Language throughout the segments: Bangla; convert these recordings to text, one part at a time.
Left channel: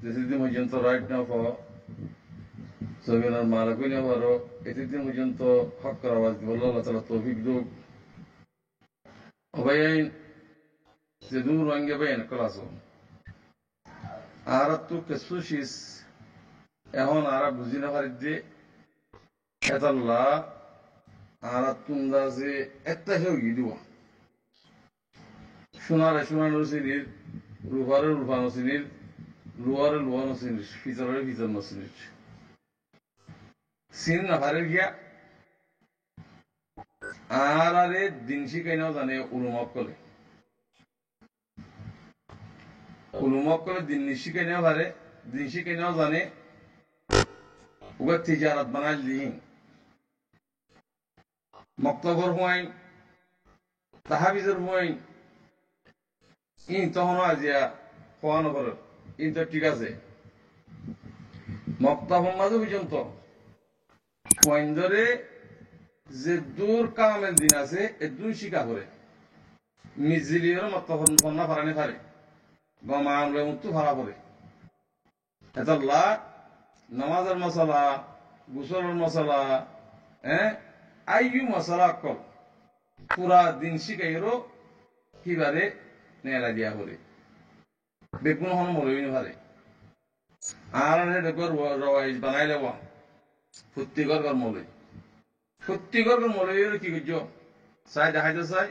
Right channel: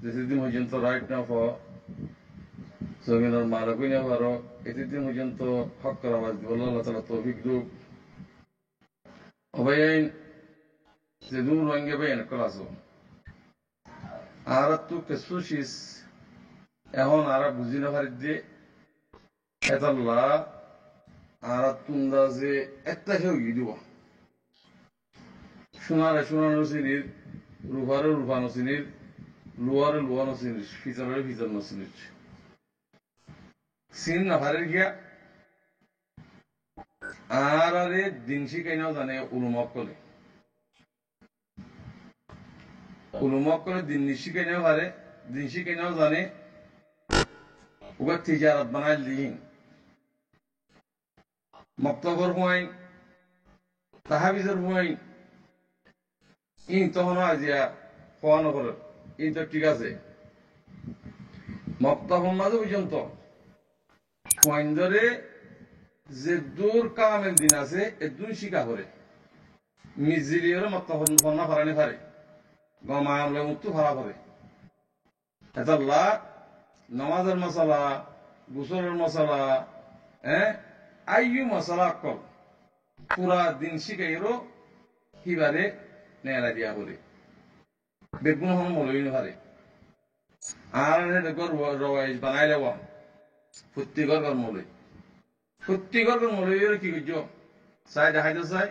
যেদিন পর্যন্ত রাইট না পাও জমিনের মালকই না পারো এতদিন পর্যন্ত হক করা আওয়াজ দিব আল্লাহ তাআলা তৌফিক দুক অবাইন যে দূর রঙে বাইন ক্লাসো আর তো কেসুশিস এখন আর বুঝি না পারি যে এতাল্লাহ আর তুন্দা যে একটা হেউ দিব সোনারে সোনানো চিনির রূপারে রূপানো চিনির লোয়ারে লোয়ানো চিনির ফিচারে ফিচারনো চিনির চিনি না পারে গিয়া আর আরে দিন শিখাইনাও জানে উলুমক কলে দিন শিখাইনাও পারে দিন শিখাইনাও জানে ওগা তিজারাত বানাই দিন মক্তবর হুয়াইন তাহাবিজের হুয়াইন ইন তখন আজিয়া খোয়ানো করে ইন তো ঠিক আছে মক্তবর মাঝে পর্যন্ত ধরে যে দূর কামের দিন আছে এ দুই শিকা করে মিজিলিয়ের মক্তবর ফন্না ফারানি ফারে গমা আমলে মুক্ত ফারা করে এতাল্লাহ নামাজের মশলা গোসলের মশলা আইয়ু মশলা কল পুরা দিন শিখাইরও কিবারে নেলা দিয়া করে বেগুন হন মলইন পারে আর রওয়াইজ বানাই লেব প্রত্যেকর মলইয়ের কি করছ চাই দেখাইতে চাই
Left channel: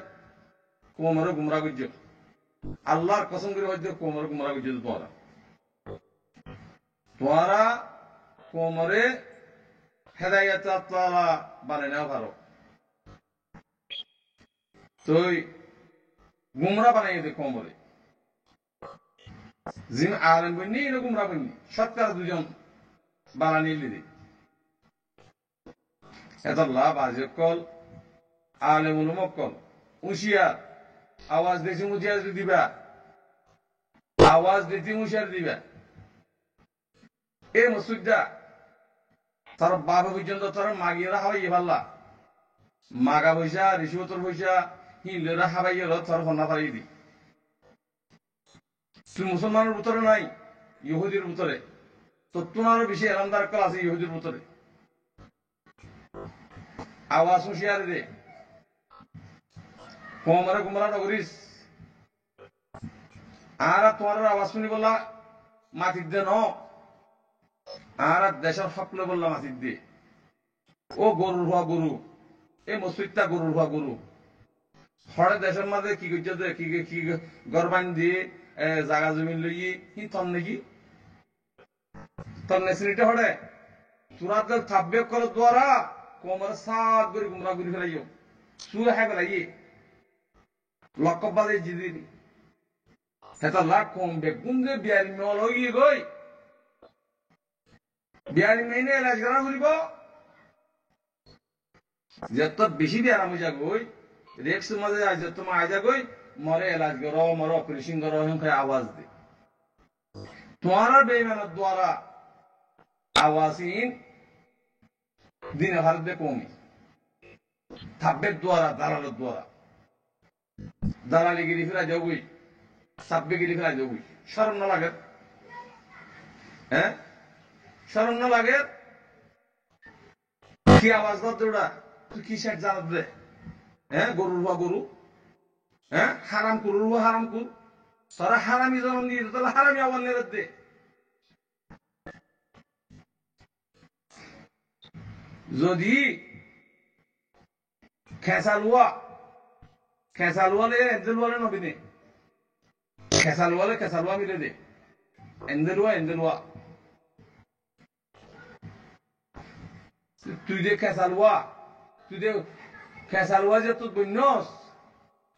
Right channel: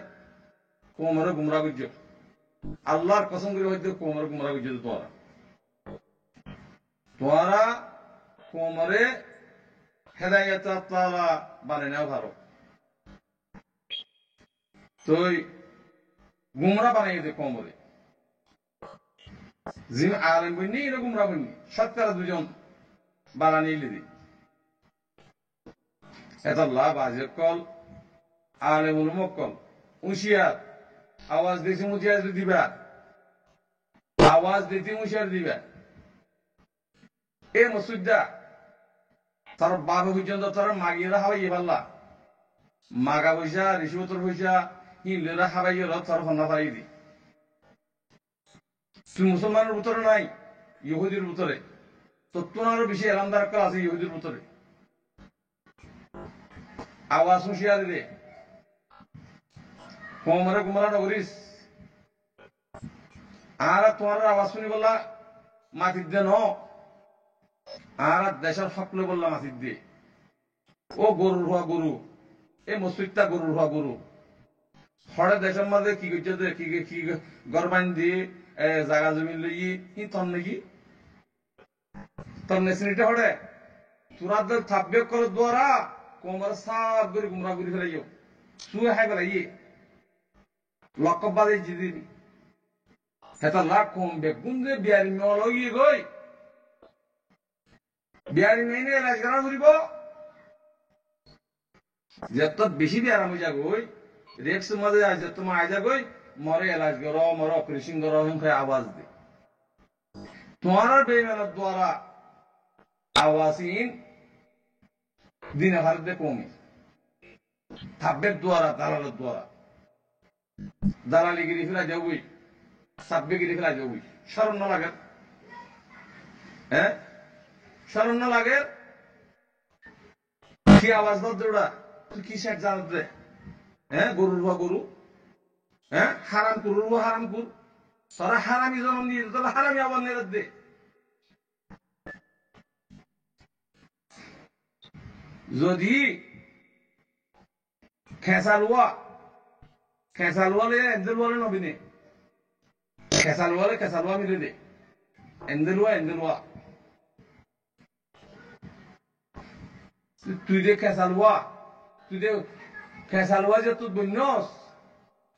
কোমরে গুমরা করছ আল্লাহর কসম করে হইতে কোমরে গুমরা করছ তোমারা কোমরে হেদায়াত তাআলা বানাই নাও পারো তুই গুমরা বানাই দে কোমরে জিম আলেম বন্যি না গুমরা বন্যি সৎকার দুজন বানানি লিদি এতাল্লাহ বাজে কল আলেম উলুমক কল উশিয়ার আওয়াজ দিছি মুজিয়ার দিবা আওয়াজ দিছি মুশিয়ার দিবা এ মসুদ্দা তার বাবা পর্যন্ত তারা মাগিয়েরা হাবাইয়ে পারলা মাগা পয়সা রিসুবতর পয়সা হিলেরা হাবাইয়ে তার ফন্না ফারাই দি তুই মুসলমানের ভিতরে নাই ইহুদির ভিতরে তো তোমারও বেশি এলামদার কল আছে ইহুদির ভিতরে আওয়াজ হুঁশিয়ারি দে কোমরে গুমরা নগরিস আর তোমার আওয়াজ শুনি বললা মাটির দে ন আর দেশের সকলে বললাম মাটির দে ও গরুর হওয়া গরু এ মসজিদটা গরুর হওয়া গরু হরে দেশের মাঝে কি করছে কি গরবান দিয়ে জাগা জমি লই কি তন নাকি তোর নেসিনিটা হরে তুরাদের থাকবে করার দ্বারা কোমরে সাত করে গুমরা করে ফেলাইও শুয়ে হাই ফেলাই লক্ষ্য বাদে জিদিন হেতা লাখ কম বেগুন যে বিয়ারি মেল গিয়ে গই বিয়ারি মেনে এলাজ করা ফুরিব যত বেশি বিয়ার আমি যাগই রেক্স মাঝে যত মা আই যাগই মরে এলাজ কর মরে অপারেশন কর হিমখায় আওয়াজ দে তোমার বেইমানের দ্বারা আওয়াজহীন দিনে ভারত দে কমে থাকবে দ্বারা দালালের দ্বারা দালালিগিরি ফেরা যাবই সাব্বেগিরি ফেরা যাবই শরম না লাগে শরম না লাগে কি আওয়াজ দৌড়া তুই কি শেখ জানাত দে গরুর বা গরু হারাম কুরুর বা হারাম কুর তোরা হারামি জন্ম দিয়ে তাহলে হারামি আওয়াজ নেবে দে যদি খেসালুয়ালে এন্দেলুয়ালে নবীনে খেসালুয়া মিলে দে এন্দেলুয়া তুই যে খেসালুয়া যে তুই বন্যস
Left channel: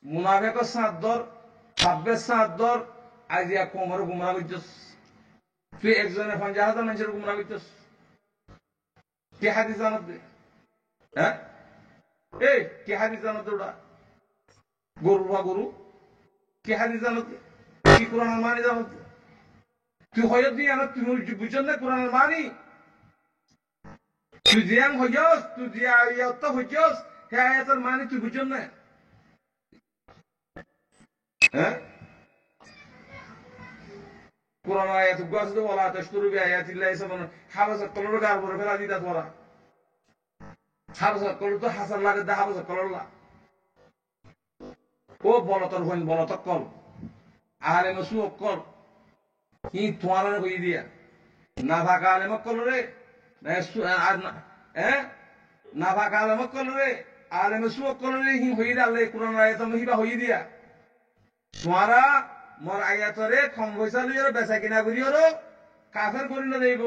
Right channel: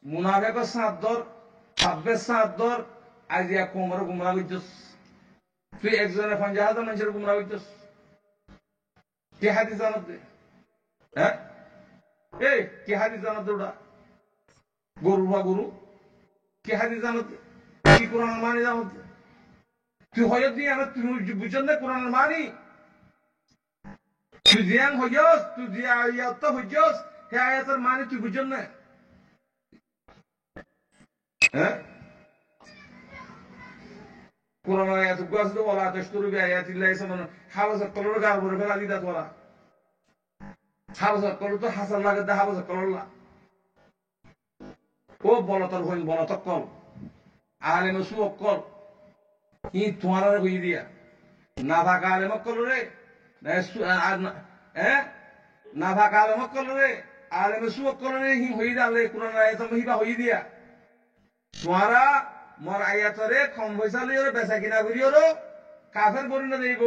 মুনাফেকর সাঁতদর ছাব্বের সাঁতদর আজিয়া কোমরে গুমরা করছস তুই একজনে 50,000 মানুষের গুমরা করছস কে হাদিস জানাত দে কে হাদিস জানাত দে ওটা গরুর বা গরু কে হাদিস জানাত দে কি কোরআনের মানি জানাত দে তুই হয়ত দিয়ে আনা তুই বুঝছেন না কোরআনের মানি তুই জিয়াং হইয়স তুই জিয়া ইয়াত হইয়স হে আয়াতের মানি তুই বুঝছেন না কোরআন আয়াত আছে তো ওয়ালা তাশতারু বিআয়াতিল্লাহি সামানান হাবাসা কলর গার বরে ফেলা দিতা তোরা হাবাসা কলর তো হাসার লাগে দা হাবাসা কলর লা ও বলতর হইন বলতক কল আহলে মসু অকল হি তোরা কই দিয়া না ভাকা আলে মকল রে না ভাকা আলে মকল রে আলে মসু অকল রে হি হই আল্লাহ কোরআন আয়াত মহিবা হই দিয়া তোরা মোর আয়াতরে কম পয়সা লইও বেচা কিনা করিও কাফের করি না দেব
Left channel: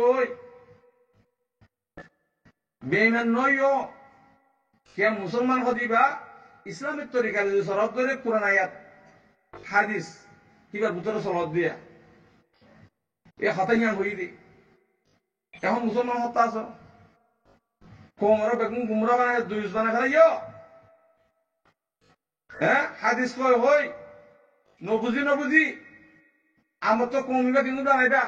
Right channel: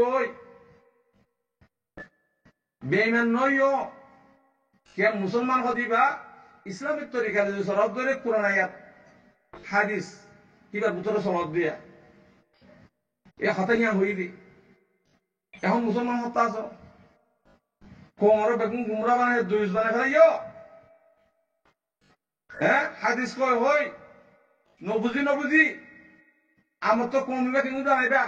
বেইমান নইও কে মুসলমান হদিবা ইসলামিক তরিকা যদি সরব ধরে কোরআন আয়াত হাদিস কিবা গুতরে সলব দিয়া এ হতাইয়া হই দি এখন মুসলমান হত্যা আস কোমর বেগুন গুমরা বানায় দুইশ বানা খেলাইও হ্যাঁ হাদিস কয় হই নবুজি আমার তো কমিবা কিন্তু জানাইবা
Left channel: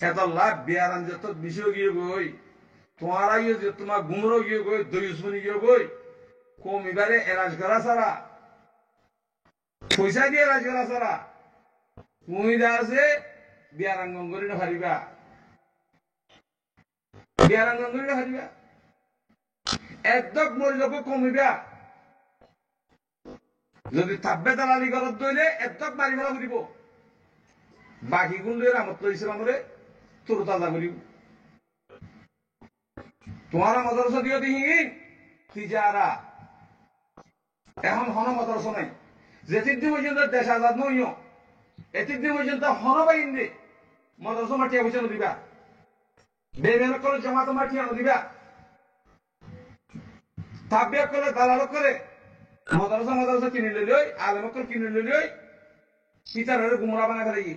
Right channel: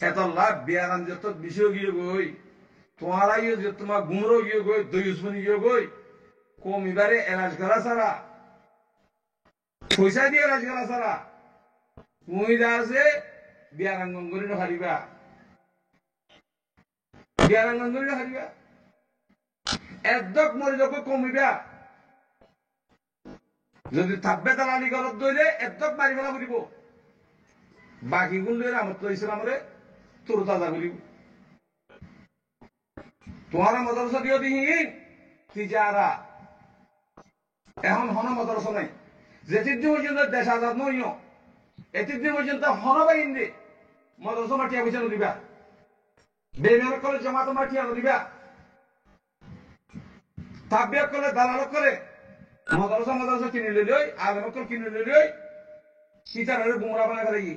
হেতল্লা বিয়ারান যত বিষয় গিয়ে গই তোমার ইয়ে যে তোমার গুমরো গিয়ে গই দইউসবনি গিয়ে গই কমিবারে এলাজ করা সারা পয়সা দিয়ে এলাজ করা সারা তুমি যা আছে বিয়ারাঙ্গন করি না হারিবা বিয়ারাঙ্গন করি না হারিবা একদক মরি যখন কমিবা যদি থাকবে দালালি ঘরত দইলে একদক মারি ফেলা করিব বাকি গুণ লইলে আমার তো ইসলামরে তোর তাজা করিব তোমার মদরসা দিও দিহীন তিজারা এখন হন মদরসা নাই যেতির দিন পর্যন্ত দেশ আজাদ নইও এতির দিন পর্যন্ত হন বাইন দে মদরসা মাটিয়া পয়সা নদিবা বেমেন কলে জমাত মাটিয়া নদিবা তাবিয়া কলে দালাল করে মদরসা কিনে লই আলেমকল কিনে লই সীতার গুমরা বানা ফেলাই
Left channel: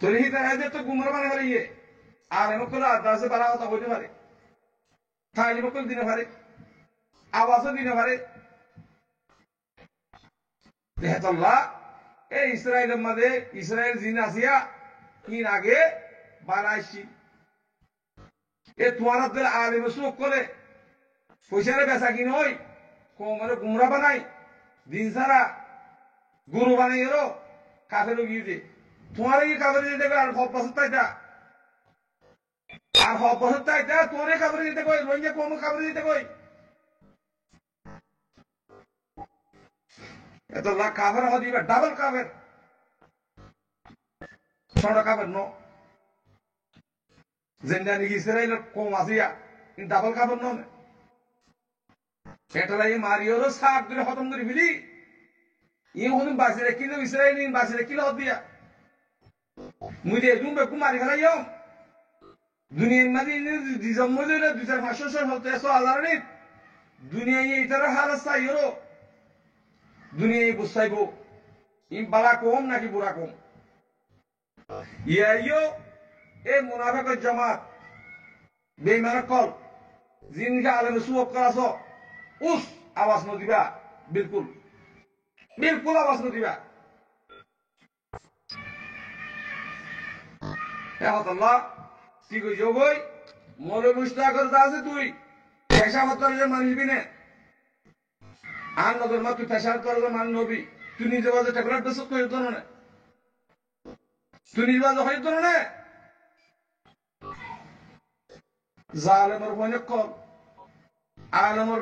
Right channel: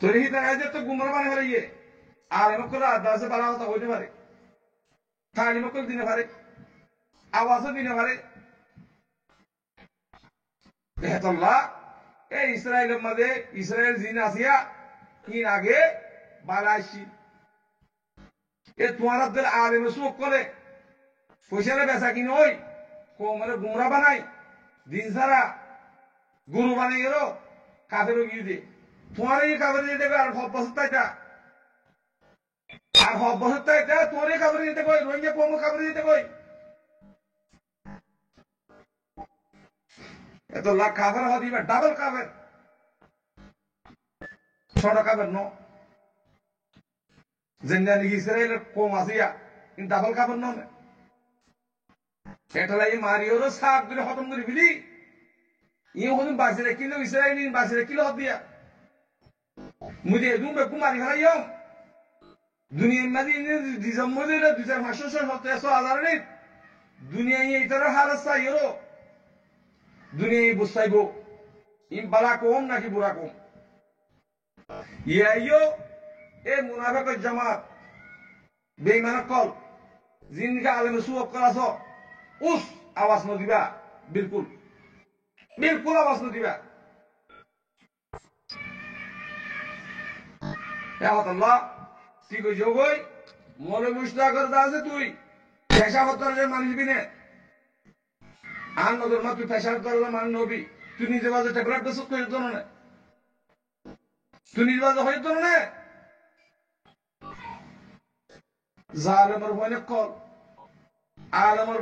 তোর হিতার তো গুমরা বানা ফেলাই আলেমকল আদাসে পালা কথা হইতে পারে তালিমকল দিনে পারে আওয়াজও দিনে পারে হেতল্লাহ এই ইসরায়েলের মাঝে ইসরায়েল জিন আসিয়া কিন আগে বালাইছি এ তোমার দিল আলেম সুখ করে পয়সারে বেচা কিন ওই কোমরে গুমরা বানাই দিন সারা গুরু বানাই এরো কাফের গিয়ে দে তোমার এই কাফের যেতে আর সব বছর তাইটা আর সব বছর তাইটা তোমার কাফের যেতে কই রোহিঙ্গা কোম কাফের যেতে কই এত লাখ কাফের হদিবা ডাবল কাফের ছোট কাফের ন যেটা নাকি ইসরায়েলের কম আসিয়া ডাবল কাফের নয় এটালাই মারিওর সাত ধরে খতম করে ফেলি ইয়ে হতুন বাঁচি রাখিল ইসরায়েল বাঁচি রাখিল হত দিয়া মুই দিয়ে দুম বেকু মারি ফেলাইও দুনিয়ার মাঝে জন্ম দিলে 2,500 নেই দুনিয়া এইটার হালত চাইও দুনিয়ায় বুঝাইব ইম বালা কম নাকি বুড়া কম ইয়াইও এ মুনাফেকের জামাত বেঈমানের কল জিনকে আলেমে সুয়োগ করাছ উস আওয়াজ নদিবা বিলকুল বিলকুল আওয়াজ নদিবা আল্লাহ কি কই যোগই মলে মুস্তাকর আছে তুই পেশা হত্যার মানুষ বিনে আন নজর মা তুই পেশা হত্যার মান নবী তুই নিজে বাজে ট্যাবলেট বেশ করে তো না তুই নিজে বাজে হয়ে তো না জালেমর হইনে কল আলমর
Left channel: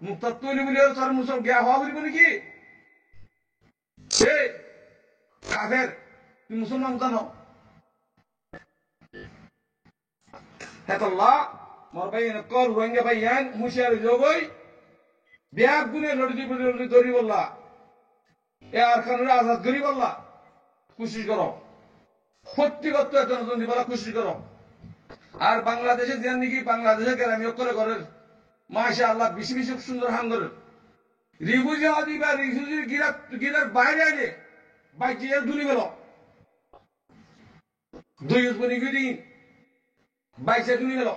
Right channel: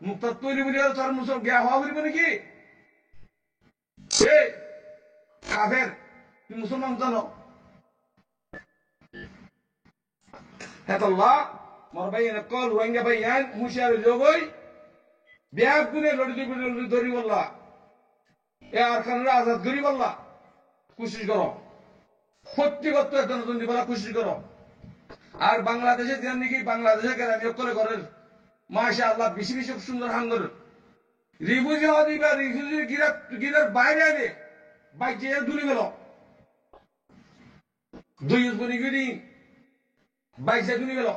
মুক্তা তৈরি বলি তোর মুসল গিয়া হওয়া বলিব নাকি এ কাফের তুই মুসলমান জানো হেতল্লাহ মোর ভাইয়ান কল রোহিঙ্গা ভাইয়ান হুঁশিয়ার যোগই ব্যাগ গুনে লড়ি দড়ি বললা এ আর খানুরা আজাদ করি বললা কোশিশ করো প্রত্যেকত্ব একটা নতুন দিবলা কোশিশ করো আর বাংলাদেশে যেন নাকি বাংলাদেশে গেলে আমি অকলে করেন মাসা আল্লাহ বেশি বেশি সুন্দর হান করেন রিফিউজি হওয়া দিবা রিফিউজির গিরার বাইরে আইলে বাইক যে দুলি গেল দুই বনি গিরি বাইক যে দুলি গেল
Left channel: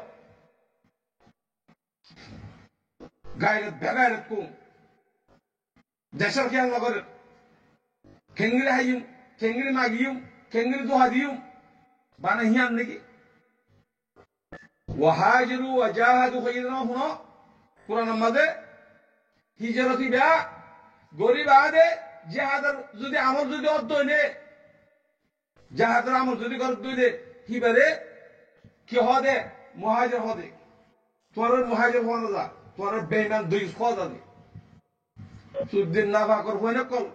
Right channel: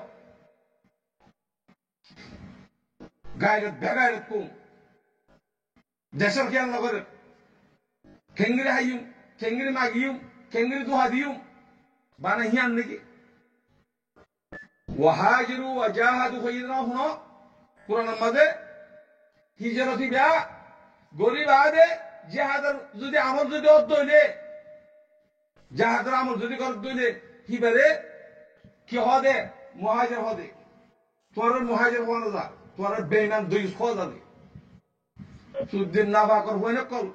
গায়রত বেগায়রত কম দেশের খেয়াল না করেন খেঙ্গিরি হাইম খেঙ্গিরি মাগিম খেঙ্গিরি দোহা দিম বানা হিয়ান নাকি ওয়াহাজিরু ওয়াজাহাদু খাইরানা হুনো কুরআনের মাঝে হিজরতি বিয়া গরিব আদে জেহাদের যদি আমল যদি অর্ধ হইলে জাহাদের আমল যদি করে দইলে হিবারে কি হদে মুহাজির হদে তোর মুহাজির হওয়া না যা তোর বেঈমান দুই খোয়া যাবে সুদ্দিন নাফা কর হইনে কল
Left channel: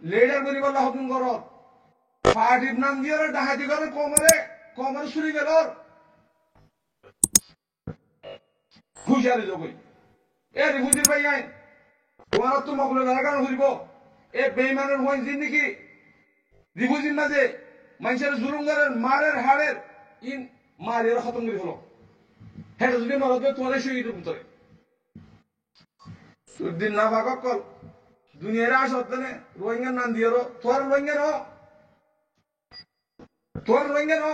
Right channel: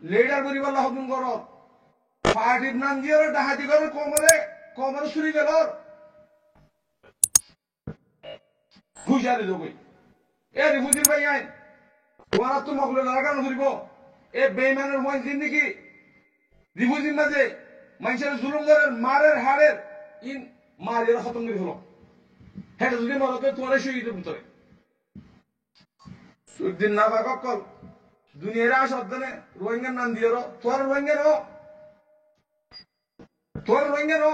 লিডার করিব আল্লাহ হুকুম কর পার্টির নাম দিয়ে ডাহাতি করে কমরে ছুরি গেল হুশিয়ারি লোকই এ রিফুজির ভাই আইন তোমার তো মকলে লাগানো ঘুরিব এ বেঈমানের হইন জিন্দিগি রিফুজির মাঝে মানুষের জুলুম করেন মারের হাড়ের ইন মারের খতম করে হলো হেটা যদি মরতে তোমার শহীদের ভিতরে সুদ্দিন না ফাঁক কল দুনিয়ার আসনে রোহিঙ্গার নাম দিয়ে তোর রোহিঙ্গা নো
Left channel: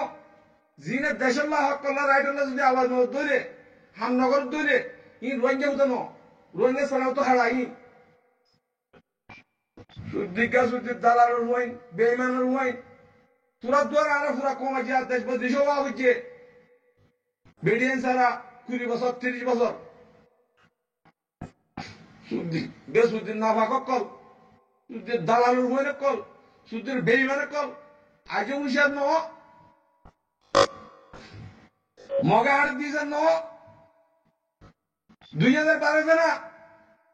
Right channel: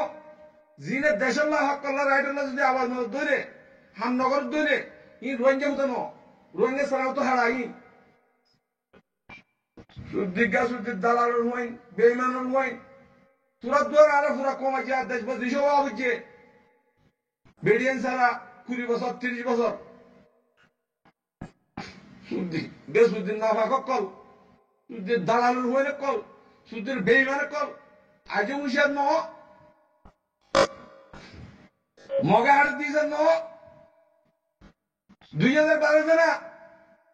জিনে দেশল্লাহ হকল্লাহ রাইটল্লাহ যদি আওয়াজ ধরে হামনগর ধরে ই রোহিঙ্গা মতো নো রোহিঙ্গা ছাড়াও তো হারাই সুদ্দিগা সুদ্দির দালালের হইন বেঈমানের হইন তোরা দুয়ার আরে পুরা কমাইছে আর দেশ বুঝছে বেডিয়ান সারা 20 বছর 30 বছর সুদ্দিন না ফাঁক কল সুদ্দির দালালের হইন কল সুদ্দির বেঈমানের কল আজও হুশিয়ার ন মগা হাট দিয়েছেন ন 2012 না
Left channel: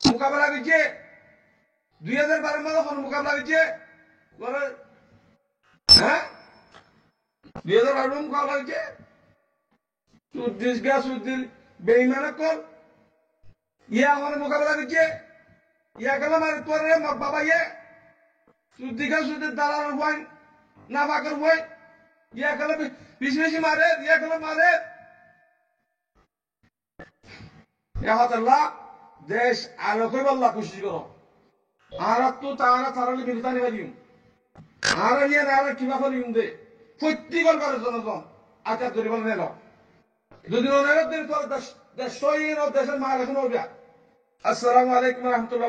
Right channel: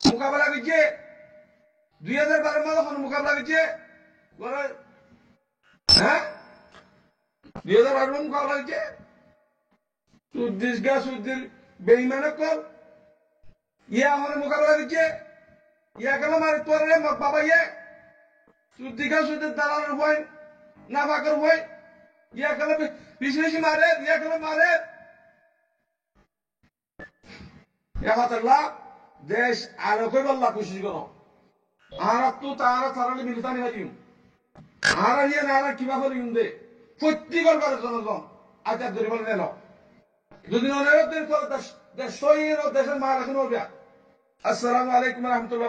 মোকাবেলা করছে 2012 মাঝে মোকাবেলা করছে হ্যাঁ 2012 মোকাবেলা করছে সুদ্দির বেঈমানের কল ইয়া আমার মোকাবেলা করছে ইয়া গেল মারে তোর বাবা ইয়ে সুদ্দির দালালের হইন না ফাঁকের হইন ইয়া গেল বেশি বেশি মারে ইয়া গেল মারে আল্লাহ দেশ আলো কই বল্লা কোশিশ করো আর তো তারা সারালি মিলিতানি পারিম আর নিয়ে না আর কিবা করিম দে প্রত্যেকর করে জনগণ আচার ধরে বলে নেল যদি অনেক দেশ দেশের মাল এখন আসসালামু আলাইকুম রহমতুল্লাহ।